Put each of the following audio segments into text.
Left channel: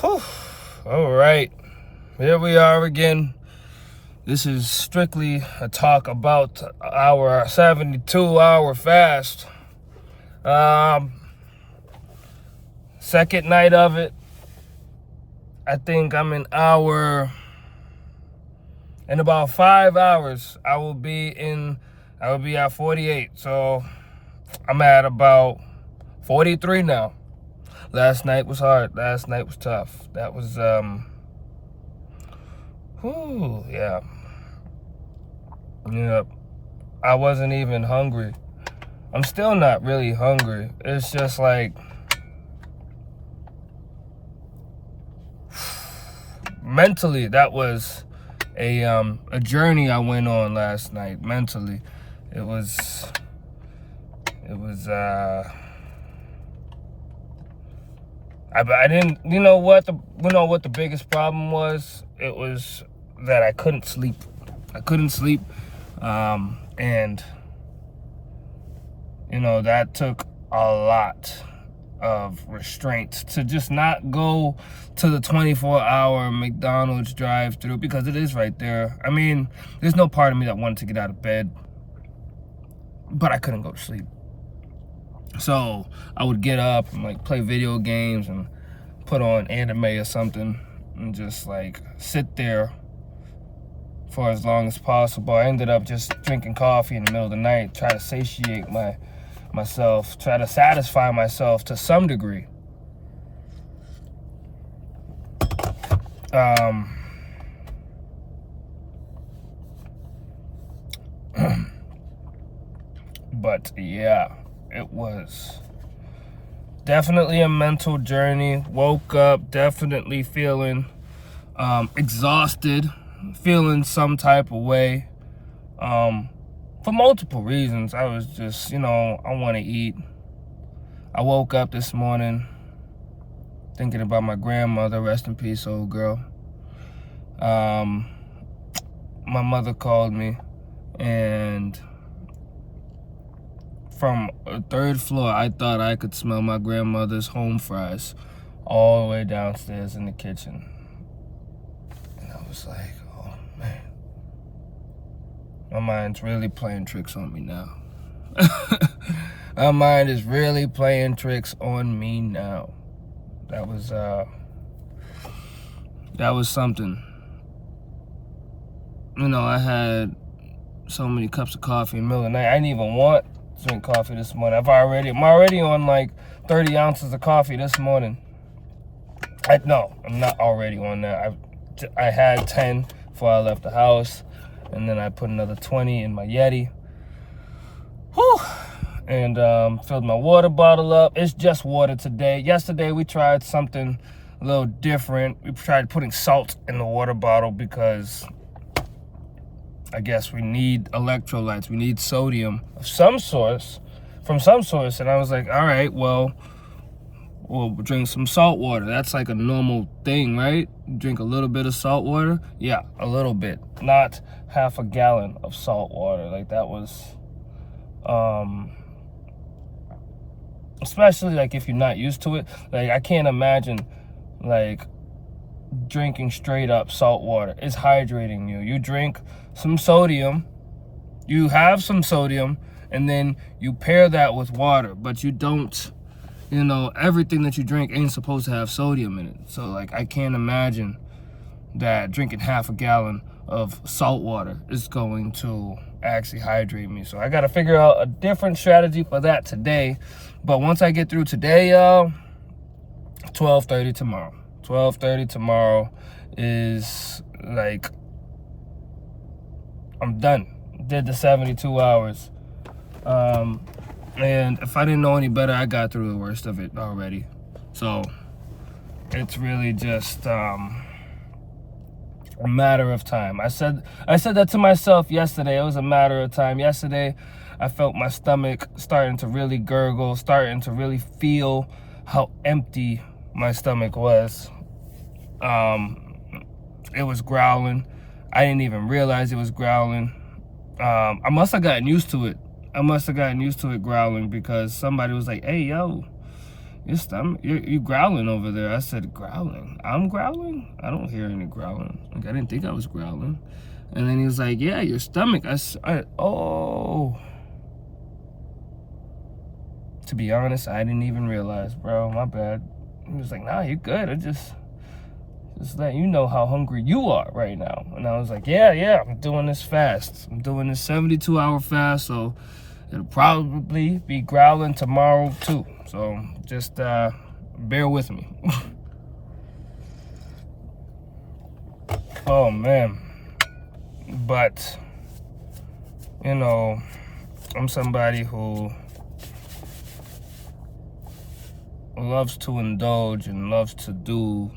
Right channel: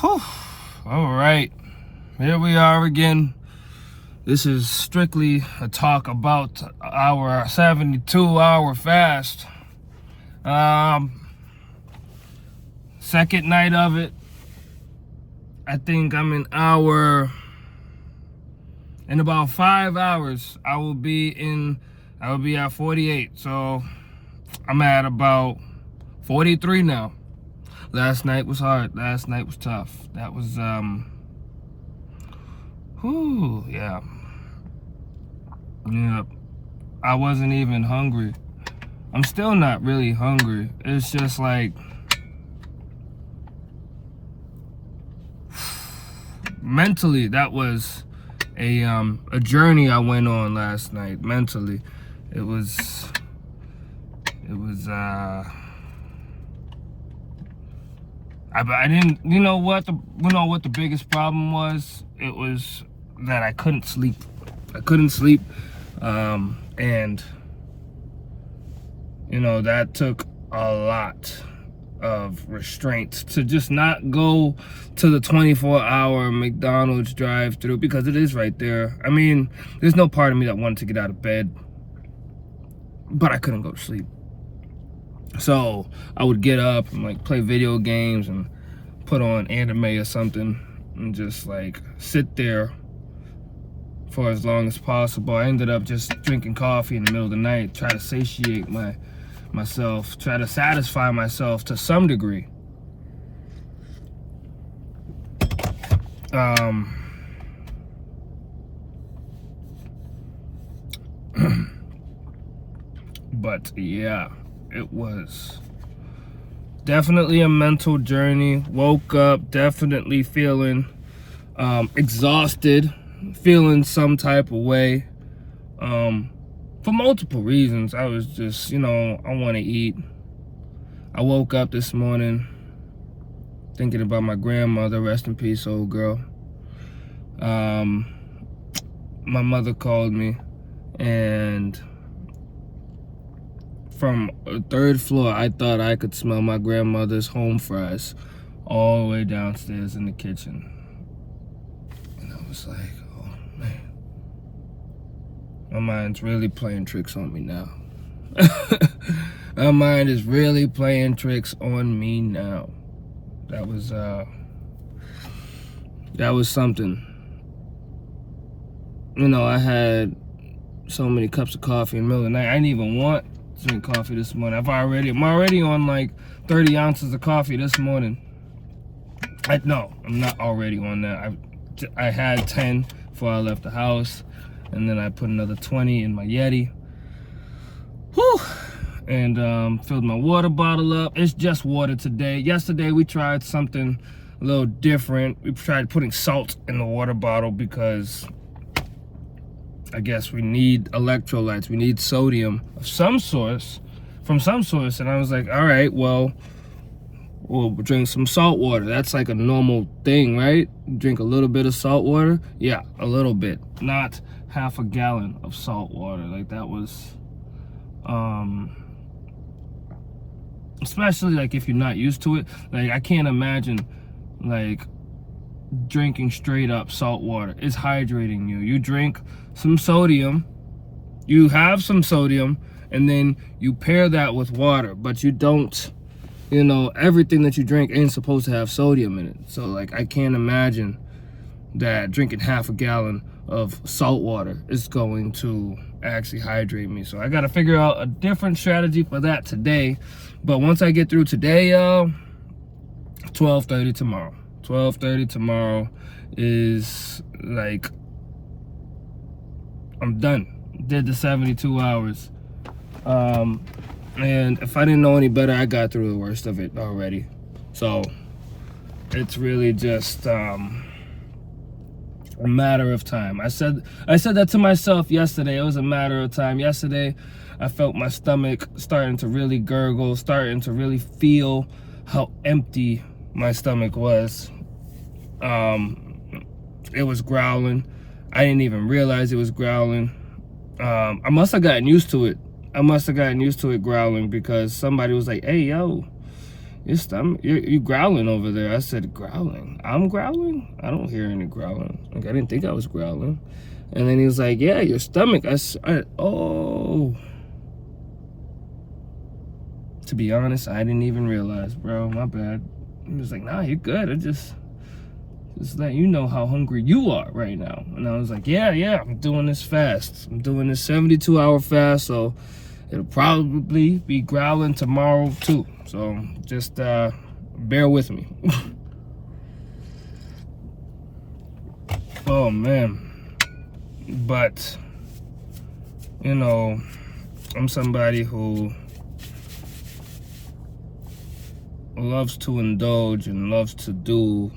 Whew. All right, here we are again. This is strictly a talk about our 72-hour fast. Second night of it. I think I'm in about 5 hours. I will be at 48. So I'm at about 43 now. Last night was hard. Last night was tough. That was, yeah. Yeah. I wasn't even hungry. I'm still not really hungry. It's just like, mentally, that was a journey I went on last night. Mentally, it was, I didn't, you know what the biggest problem was? It was that I couldn't sleep. And, that took a lot of restraints to just not go to the 24-hour McDonald's drive-thru, because it is right there. I mean, there's no part of me that wanted to get out of bed, but I couldn't go to sleep. So I would get up and play video games and put on anime or something and just sit there for as long as possible. I ended up just drinking coffee in the middle of the night, try to satiate myself, try to satisfy myself to some degree. But yeah, it was definitely a mental journey. Woke up definitely feeling exhausted, feeling some type of way, for multiple reasons. I was just, I want to eat. I woke up this morning thinking about my grandmother, rest in peace, old girl. My mother called me, and from a third floor, I thought I could smell my grandmother's home fries all the way downstairs in the kitchen. And I was like, oh man, my mind's really playing tricks on me now. My mind is really playing tricks on me now. That was something. I had so many cups of coffee in the middle of the night. I didn't even want to drink coffee this morning. I'm already on 30 ounces of coffee this morning. No, I'm not already on that. I had 10 before I left the house, and then I put another 20 in my Yeti. Whew. And filled my water bottle up. It's just water today. Yesterday we tried something a little different. We tried putting salt in the water bottle because I guess we need electrolytes. We need sodium of some source, from some source. And I was like, all right, well, we'll drink some salt water. That's like a normal thing, right? Drink a little bit of salt water. Yeah, a little bit. Not half a gallon of salt water. That was, especially if you're not used to it. I can't imagine drinking straight up salt water. It's hydrating you. You drink some sodium, you have some sodium, and then you pair that with water, but you don't, everything that you drink ain't supposed to have sodium in it. So I can't imagine that drinking half a gallon of salt water is going to actually hydrate me. So I got to figure out a different strategy for that today. But once I get through today, y'all, 12:30 tomorrow. 12:30 tomorrow is I'm done. Did the 72 hours. And if I didn't know any better, I got through the worst of it already. So it's really just a matter of time. I said that to myself yesterday. It was a matter of time. Yesterday, I felt my stomach starting to really gurgle, starting to really feel how empty my stomach was. It was growling. I didn't even realize it was growling. I must have gotten used to it. Growling, because somebody was like, hey, yo, your stomach, you growling over there. I said, growling? I'm growling? I don't hear any growling. Like, I didn't think I was growling. And then he was like, yeah, your stomach. Oh. To be honest, I didn't even realize, bro. My bad. He was like, nah, you're good. I just letting you know how hungry you are right now. And I was like, yeah, I'm doing this fast. I'm doing this 72-hour fast, so it'll probably be growling tomorrow too. So just bear with me. Oh man. But you know, I'm somebody who loves to indulge and loves to do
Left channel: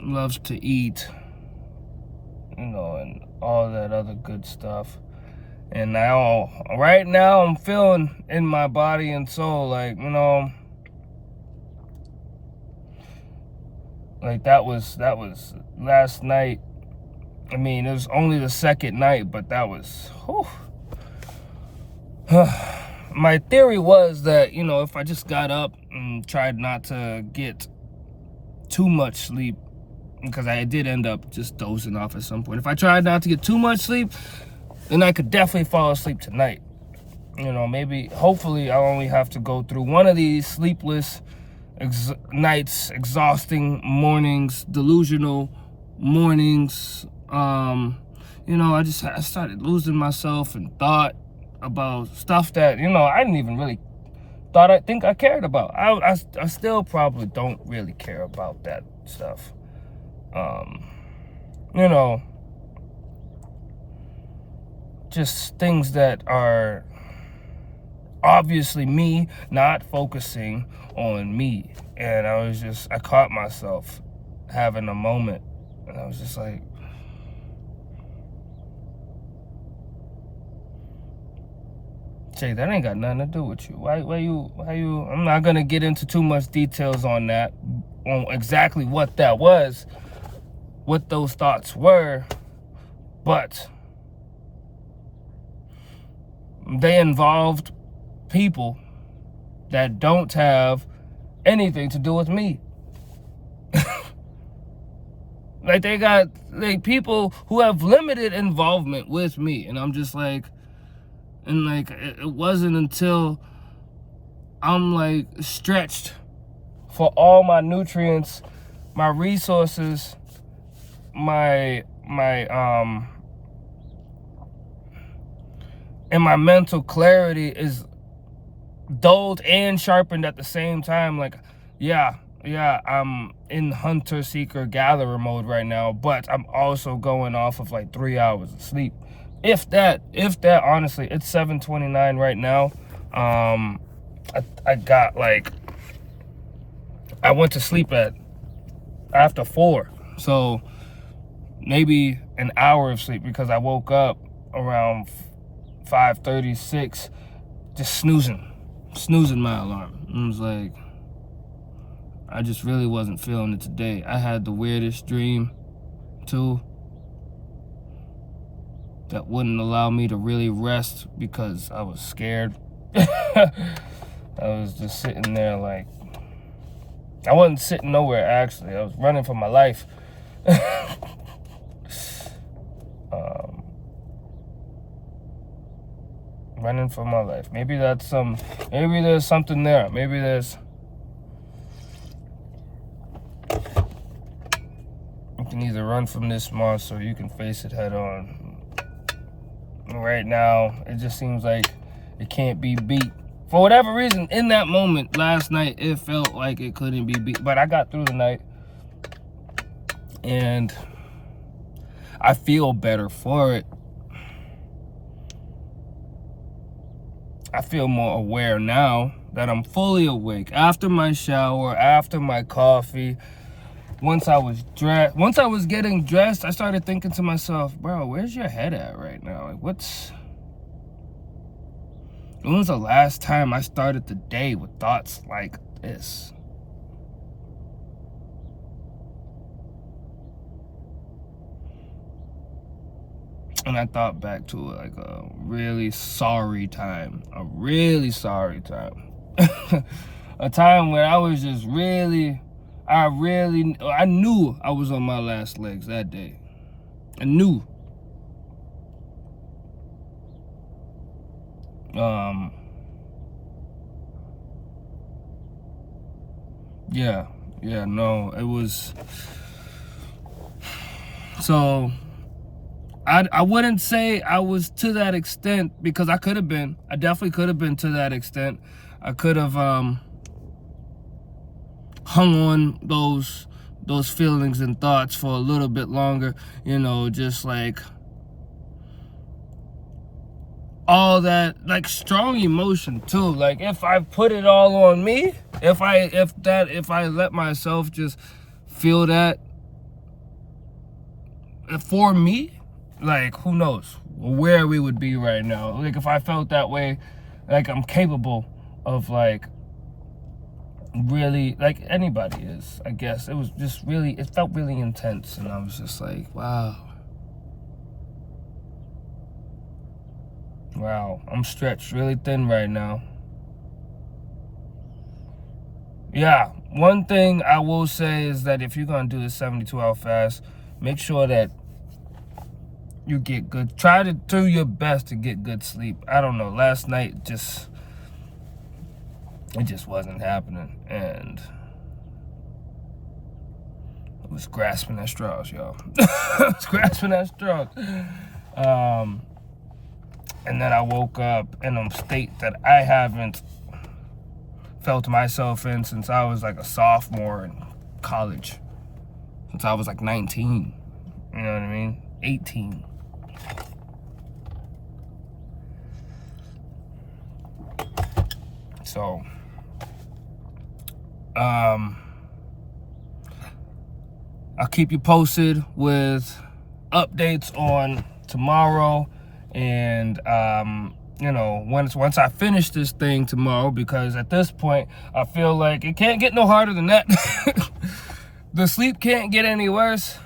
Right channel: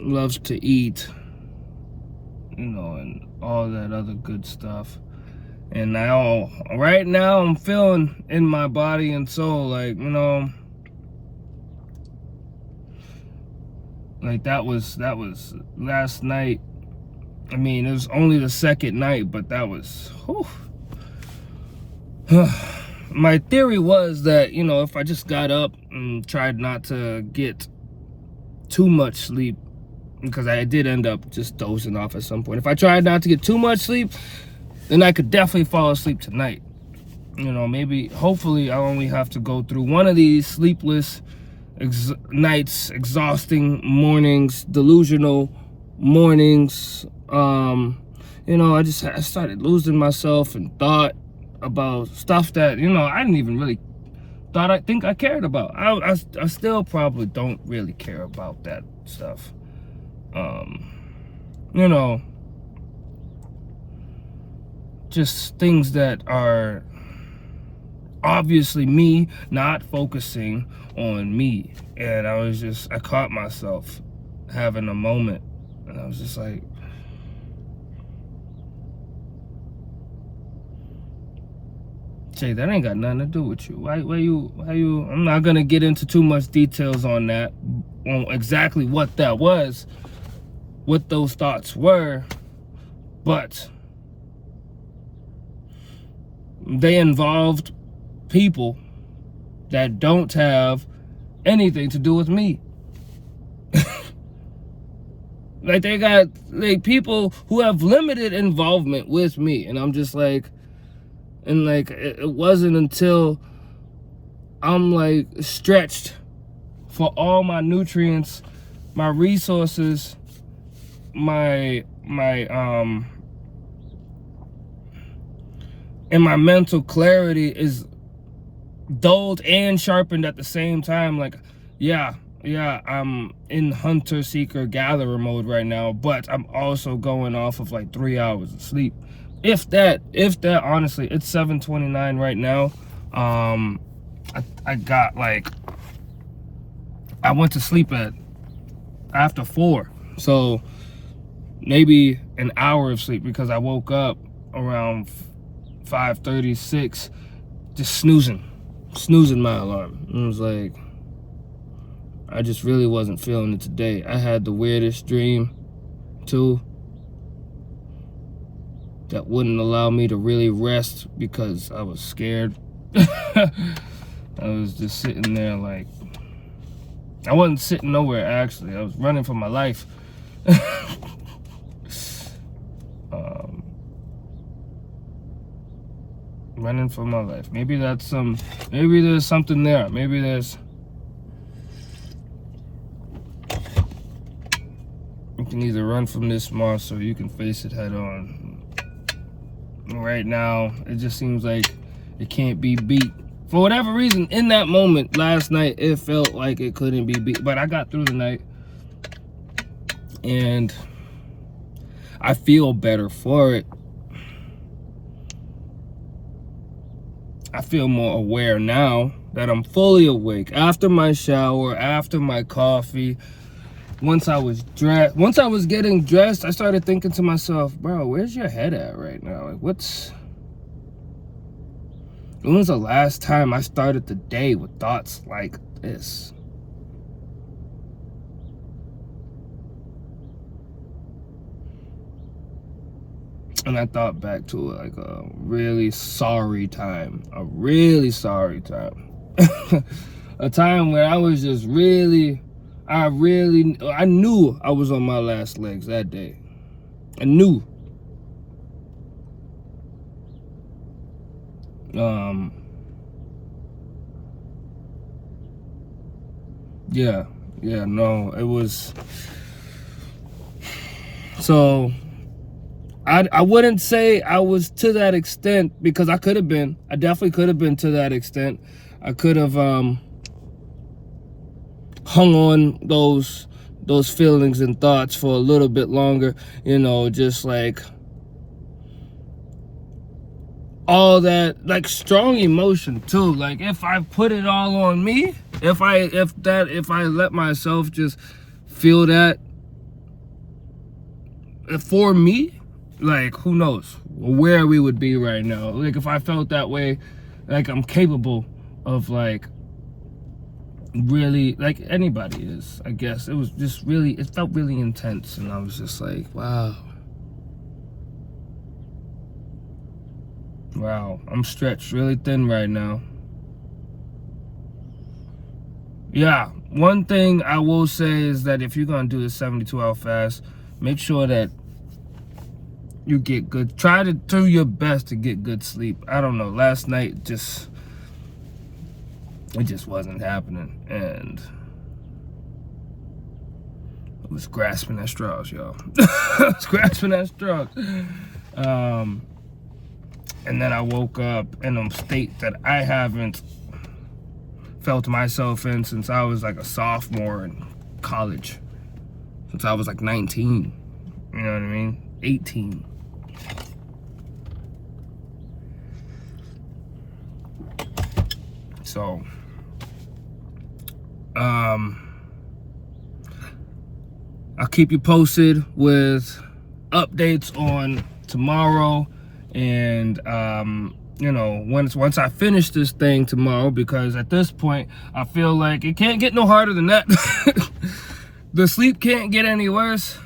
loves to eat, you know, and all that other good stuff. And right now I'm feeling in my body and soul, like, you know, like that was last night. I mean, it was only the second night, but that was, whew. My theory was that, you know, if I just got up and tried not to get too much sleep, because I did end up just dozing off at some point. If I tried not to get too much sleep, then I could definitely fall asleep tonight. You know, maybe, hopefully, I only have to go through one of these sleepless nights, exhausting mornings, delusional mornings. You know, I started losing myself and thought about stuff that, you know, I didn't even really think I cared about. I still probably don't really care about that stuff. You know, just things that are obviously me not focusing on me. And I caught myself having a moment, and I was just like, Jay, that ain't got nothing to do with you. Why you, I'm not gonna get into too much details on that, on exactly what that was, what those thoughts were, but they involved people that don't have anything to do with me. Like, they got, like, people who have limited involvement with me, and I'm just like, and like, it wasn't until I'm like stretched for all my nutrients, my resources, my and my mental clarity is dulled and sharpened at the same time. Like, yeah, I'm in hunter, seeker, gatherer mode right now, but I'm also going off of like 3 hours of sleep. If that, honestly, it's 7:29 right now. I got like, I went to sleep after 4, so maybe an hour of sleep, because I woke up around 5:36, just snoozing my alarm. And I was like, I just really wasn't feeling it today. I had the weirdest dream too, that wouldn't allow me to really rest because I was scared. I was just sitting there like, I wasn't sitting nowhere actually. I was running for my life. Running for my life. Maybe there's something there. Maybe there's, you can either run from this monster or you can face it head on. Right now, it just seems like it can't be beat. For whatever reason, in that moment last night, it felt like it couldn't be beat. But I got through the night, and I feel better for it. I feel more aware now that I'm fully awake. After my shower, after my coffee, once I was getting dressed, I started thinking to myself, bro, where's your head at right now? Like, when was the last time I started the day with thoughts like this? And I thought back to like a really sorry time. A really sorry time. A time where I was just really, I knew I was on my last legs that day. I knew. Yeah, no, it was, so I wouldn't say I was to that extent, because I could have been. I definitely could have been to that extent. I could have hung on those feelings and thoughts for a little bit longer, you know, just like all that, like strong emotion too. Like if I put it all on me, if I let myself just feel that for me, like who knows where we would be right now. Like if I felt that way, like I'm capable of like really, like anybody is, I guess. It was just really, it felt really intense, and I was just like, wow, I'm stretched really thin right now. Yeah, one thing I will say is that if you're gonna do this 72-hour fast, make sure that you get good, try to do your best to get good sleep. I don't know, last night it just wasn't happening, and I was grasping at straws, y'all. I was grasping at straws. And then I woke up in a state that I haven't felt myself in since I was like a sophomore in college. Since I was like 19, you know what I mean? 18. So, I'll keep you posted with updates on tomorrow, and you know, once I finish this thing tomorrow, because at this point I feel like it can't get no harder than that. The sleep can't get any worse.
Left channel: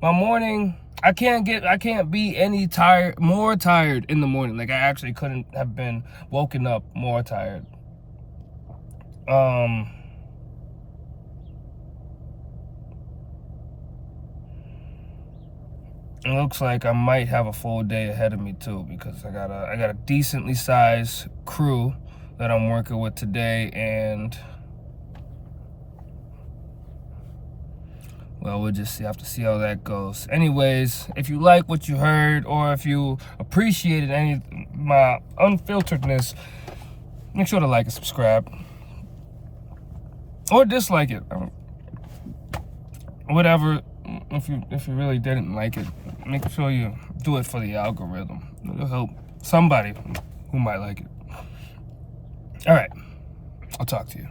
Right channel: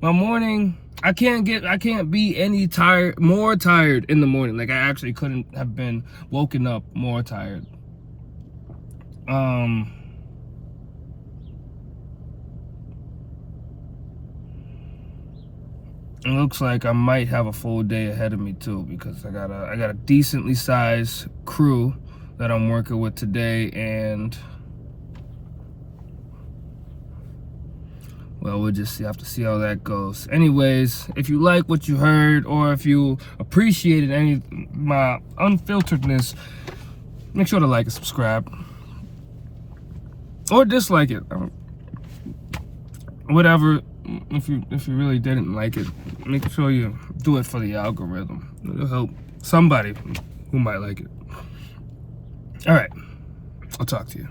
My morning, I can't be any more tired in the morning. Like I actually couldn't have been woken up more tired. It looks like I might have a full day ahead of me too, because I got a decently sized crew that I'm working with today, and well, we'll just have to see how that goes. Anyways, if you like what you heard, or if you appreciated any my unfilteredness, make sure to like and subscribe, or dislike it. Whatever. If you really didn't like it, make sure you do it for the algorithm. It'll help somebody who might like it. All right, I'll talk to you.